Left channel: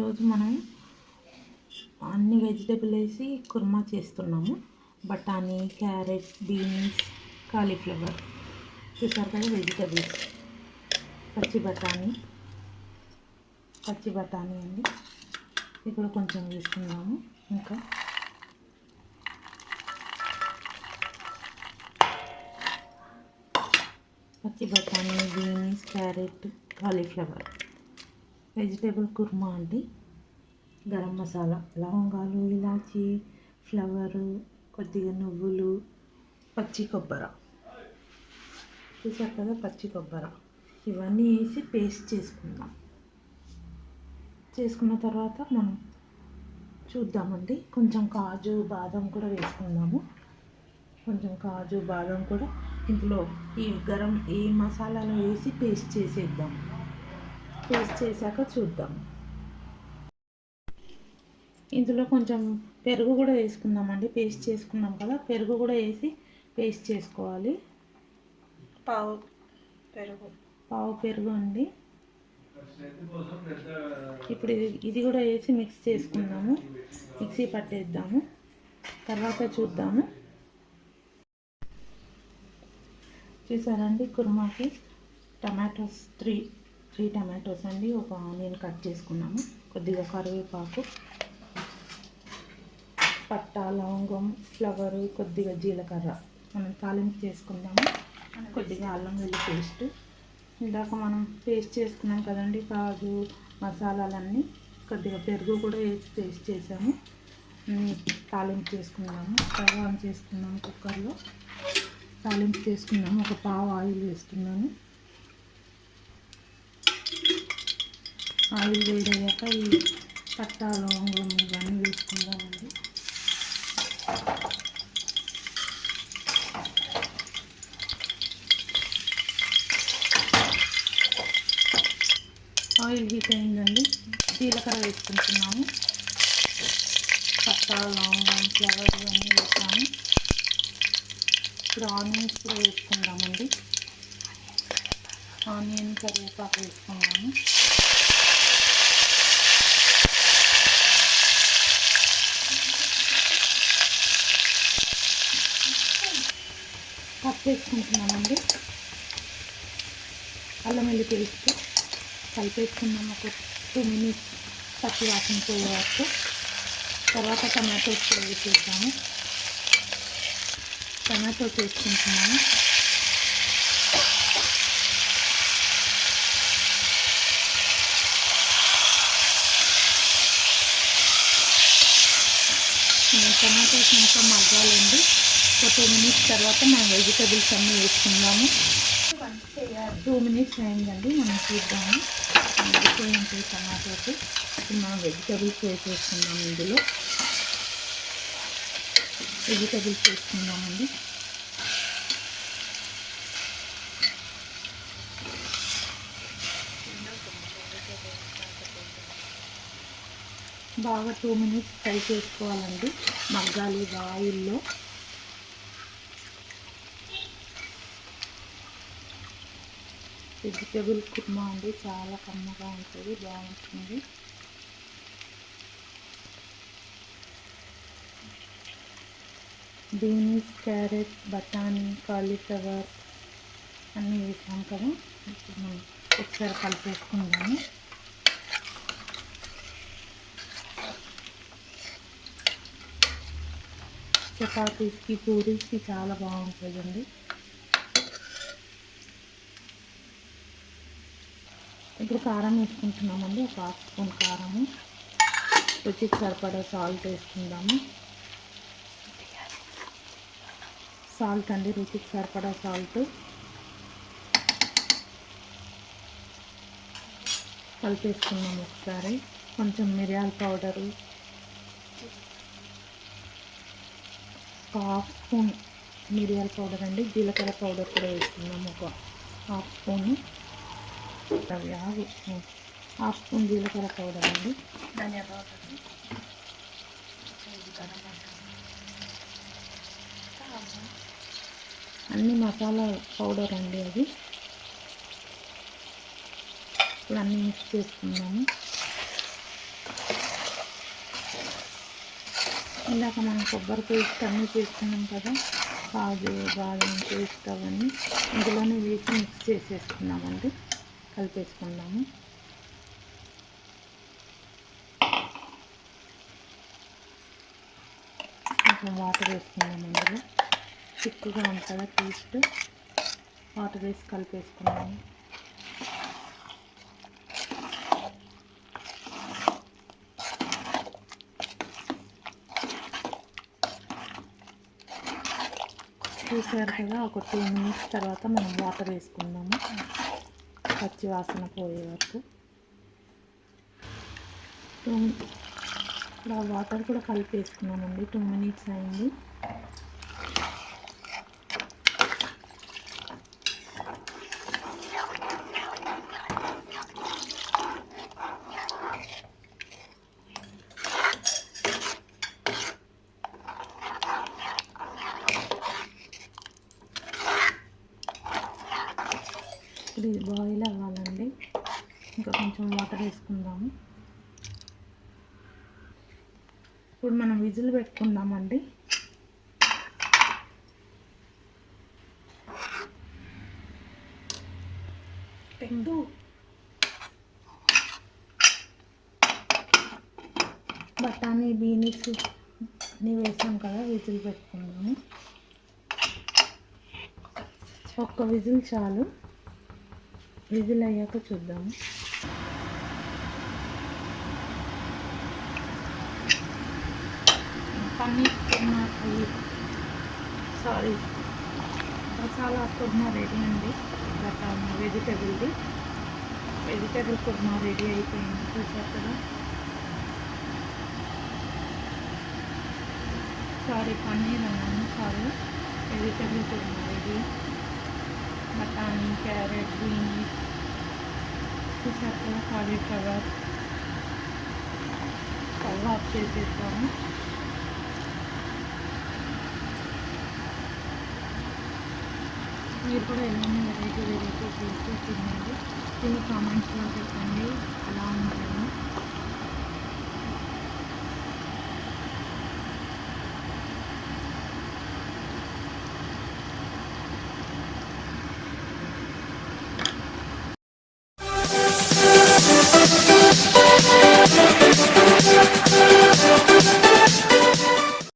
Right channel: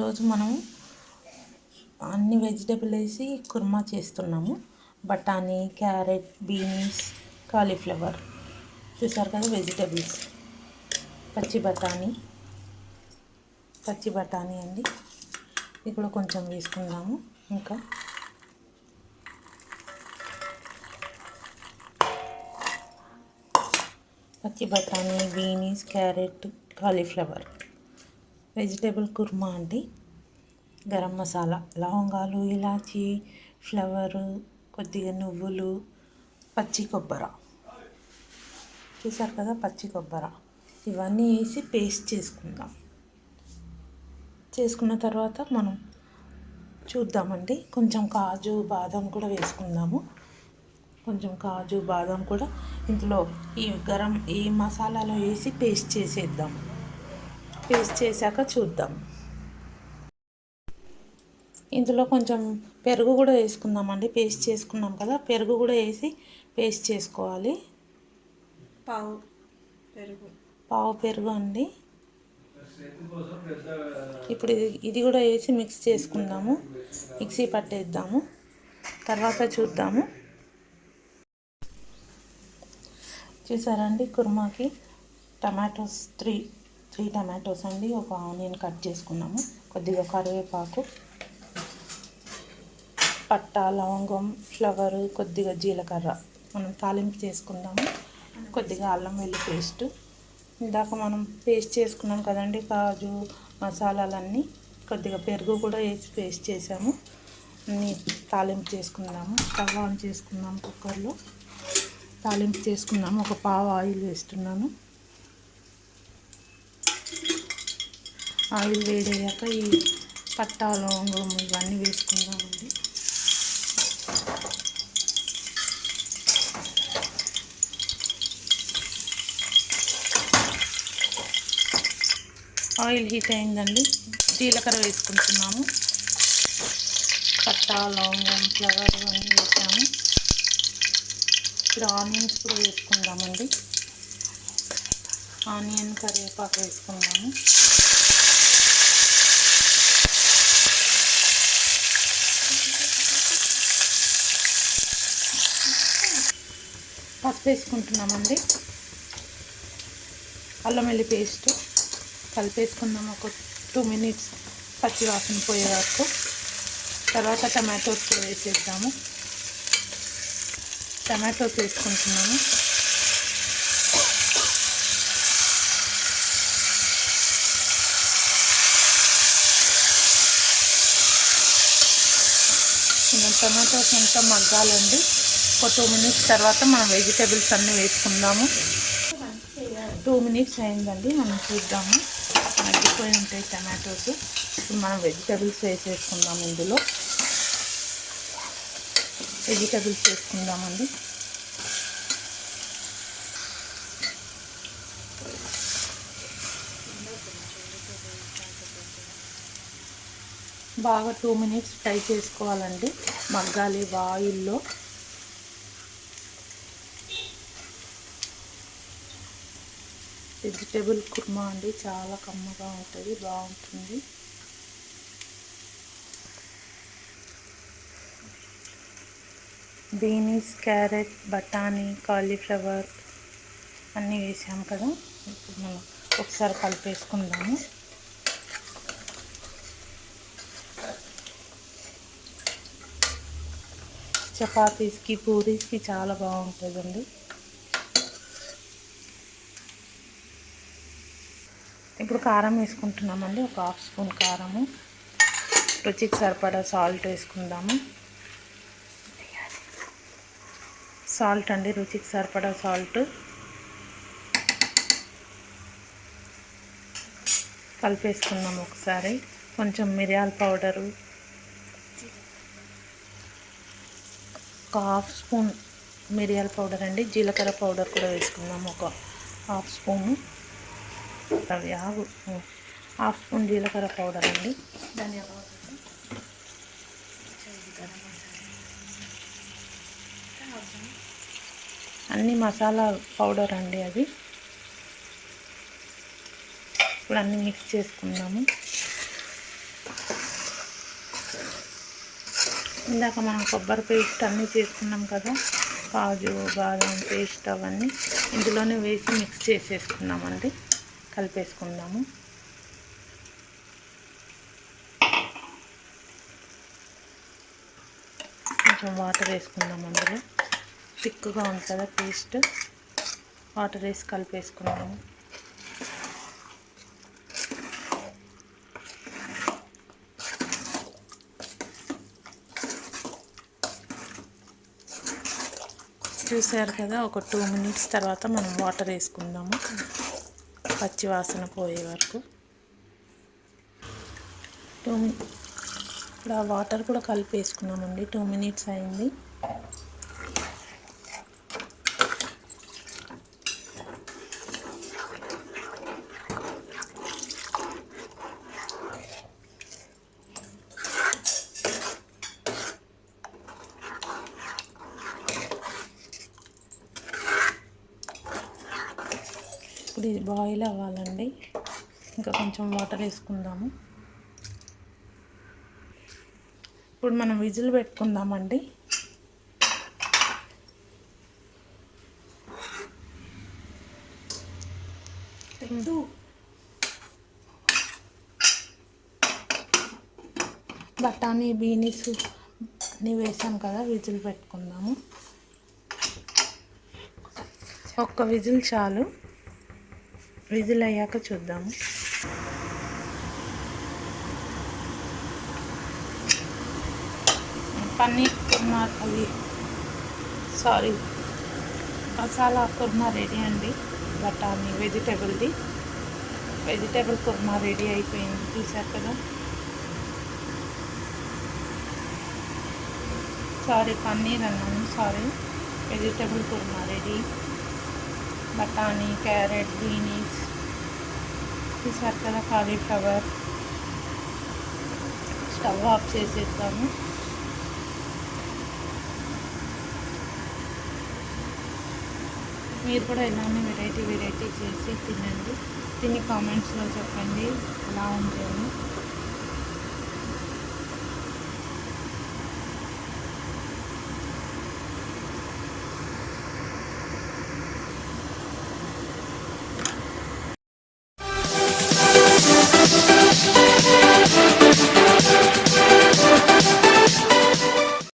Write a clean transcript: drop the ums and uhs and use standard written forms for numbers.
ఈరోజు మనం అన్ని వెజిటేబుల్ వేసి కుర్మా చేస్తున్నాము. బఠానీ, క్యారెట్, బీన్స్, కాలీఫ్లవర్. చూసారు కదా వెజిటేబుల్స్. పచ్చి బఠానీ అండి. ఇక్కడ కొంచెం వేసుకుందాము. ఇంకా పచ్చి బఠానీ, beans, carrot, cauliflower vegetable korma అండి. గరం మసాలా, లవంగాలు, ఇలాచీ, ఫ్లవరు, కొద్దిగా నువ్వులు, పచ్చి కొబ్బరి. చూసారు కదా పచ్చి కొబ్బరి. ఇవన్నీ వేసి పేస్ట్ చేసుకుందాం. చేసుకున్న తర్వాత మనం చూద్దామండి. కొంచెం కాజు, బాదం కూడా వేసుకుందాము. కొంచెం కాజు, బాదం కూడా ఇందులో ఈ మసాలాలో వేసి పేస్ట్ చేసేద్దాం. పేస్ట్ చేశాక చూద్దాం. ఇందులో కొంచెం పెరుగు కూడా వేసుకుందామండి. పేస్ట్ చేసుకున్నాం కదా, పెరుగు కూడా వేసి పేస్ట్ చేసుకోవాలి. పావు పెరుగు అండి. ఇప్పుడు ఇది కూడా వేసి మిక్స్ చేసుకుందాము. మిక్సీ పట్టేద్దాము. తర్వాత చూద్దాము. చూసారండి, కుర్మాకి టమాటోస్ త్రీ టమాటోస్ అండి. ఒక ఆనియన్ కట్ చేసుకున్నాము. కొద్దిగా కరివేపాకు, పట్ట, లవంగం, ఫ్లవరు, కొద్దిగా జీలకర్ర మనం తాలింపు చేసుకుందాము. కొద్దిగా అల్లం వెల్లుల్లి పేస్ట్. ఇందాక మనం పేస్ట్ చేసుకున్నాం కదండి కాజు, మసాలాలన్నీ. కొద్దిగా పెరుగు కూడా వేసి పేస్ట్ చేసాము. అన్నీ తాలింపు చేసుకుందాము. స్టవ్ ఆన్ చేసుకుందాం. కుక్కర్లో తాలింపు చేసుకున్నాము. ఒక పావు ఆయిల్ వేస్తున్నాను. ఆయిల్ వేడయ్యాక ఈ పట్టా, లవంగం ఇవన్నీ వేసుకుందామండి. ఆయిల్ హీట్ అయిందండి. జీలకర్ర వేసుకుంటున్నాము. పట్టా, లవంగం, ఫ్లవర్ అన్నీ వేసాము. ఇప్పుడు ఆనియన్స్ కూడా వేసుకుందామండి. ఆనియన్, కరివేపాకు వేసుకుందాము. పసుపు వేసుకుంటున్నామండి. అల్లం వెల్లుల్లి పేస్ట్ కలిపేసుకున్నాము. ఒక 2 minutes పచ్చి వాసన పోయే వరకు. తర్వాత టమాటోస్ కూడా వేసేద్దాము. టమాటోస్ వేసుకుంటున్నాము. టమాటోస్ అంతా మగ్గాలండి. ఒక 2 minutes తర్వాత మనం వెజిటేబుల్స్ అన్నీ వేసుకుందాము. 2 minutes అయిందండి. మనం చూద్దాము. మగ్గిపోయి ఉంటాయి టమాటోస్. ఇప్పుడు మనం వెజిటేబుల్స్ వేసేసుకుందాము. ఇందులో వెజిటేబుల్స్ వేసుకుందామండి. బాగా 2 minutes ఫ్రై చేసుకోవాలండి. మగ్గాలి ఆయిల్లో. వెజిటేబుల్ కుర్మా అండి, చాలా కమ్మగా ఉంటుంది, బాగుంటుంది. బీన్స్, క్యారెట్, బఠానీ, కాలీఫ్లవర్ అన్నీ వేసాం కదా. ఇప్పుడు మనం ఒకసారి కలిపేసుకుందాము. చపాతీస్కి, పూరీస్కి చాలా బాగుంటుందండి. ఇప్పుడు కారం వేసుకుంటున్నామండి. ఒక 1/2 స్పూన్ కారము. రుచికి సరిపడా సాల్ట్ వేసుకుందాము. సాల్ట్ అండి, రుచికి సరిపడా సాల్ట్. కలిపేసుకున్నాము ఒకసారి. కొంచెం మిరియాల పౌడరు, ఒక 1/2 స్పూన్ మిరియాల పౌడర్ అండి. జీలకర్ర పౌడర్ కూడా వేసుకున్నాము. ఒక 1/2 స్పూను. అవి 1/2 స్పూన్ జీలకర్ర పౌడర్ అండి. ధనియా పౌడర్, అన్ని మసాలా పౌడర్ అండి అది. ఇప్పుడు అన్నీ మిక్స్ చేసుకుందాము. ఇందాక మనం కొబ్బరి పేస్ట్ అన్నీ చేసుకున్నాం కదా, కాజు బాదం పేస్ట్ అవన్నీ ఇందులోనే వేసి మిక్స్ చేసేసుకున్నామండి. కలిపేసుకుందాము. కొంచెం వాటర్ వేసుకుందాం. అందులో థిక్గా ఉంది కదా పేస్ట్, వాటర్ వేసి కలిపేసుకున్నాము. చూసారు కదా, ఒక 2 మినిట్స్ తర్వాత మనం వాటర్ వేసుకుందాము, పచ్చి వాసన పోయే వరకు. ఇప్పుడు ఆ వాటర్ కూడా కలిపేసుకున్నామండి. 2 మినిట్స్ అయింది. ఇప్పుడు ఇది బాయిల్ అవ్వాలండి. ఇంకా కొంచెం వాటర్ వేసుకుందాము. ఇప్పుడు మనం విజిల్ పెట్టుకుందామండి. బఠానీ బీన్స్ అన్నీ వేసాం కదా, విజిల్ పెట్టుకుందాము. ఒక్క విజిల్ చాలు. విజిల్ అయ్యాక చూద్దాము. పన్నీర్ కుర్మా మసాలా కుర్మా రెడీ అండి. బఠానీ వెజిటేబుల్ కుర్మా రెడీ అయిపోయింది. చూసారు కదా. పన్నీర్ అన్నాను, వెజిటేబుల్ కుర్మా రెడీ. బఠానీ, క్యారెట్, బీన్స్, చూసారు కదా, కాలీఫ్లవర్. స్టవ్ ఆఫ్ చేసేద్దాము. మీరు కూడా ఇలానే వెరైటీ చేసి తినండి. తిని కామెంట్స్లో చెప్పండి ఎలా ఉంటుంది.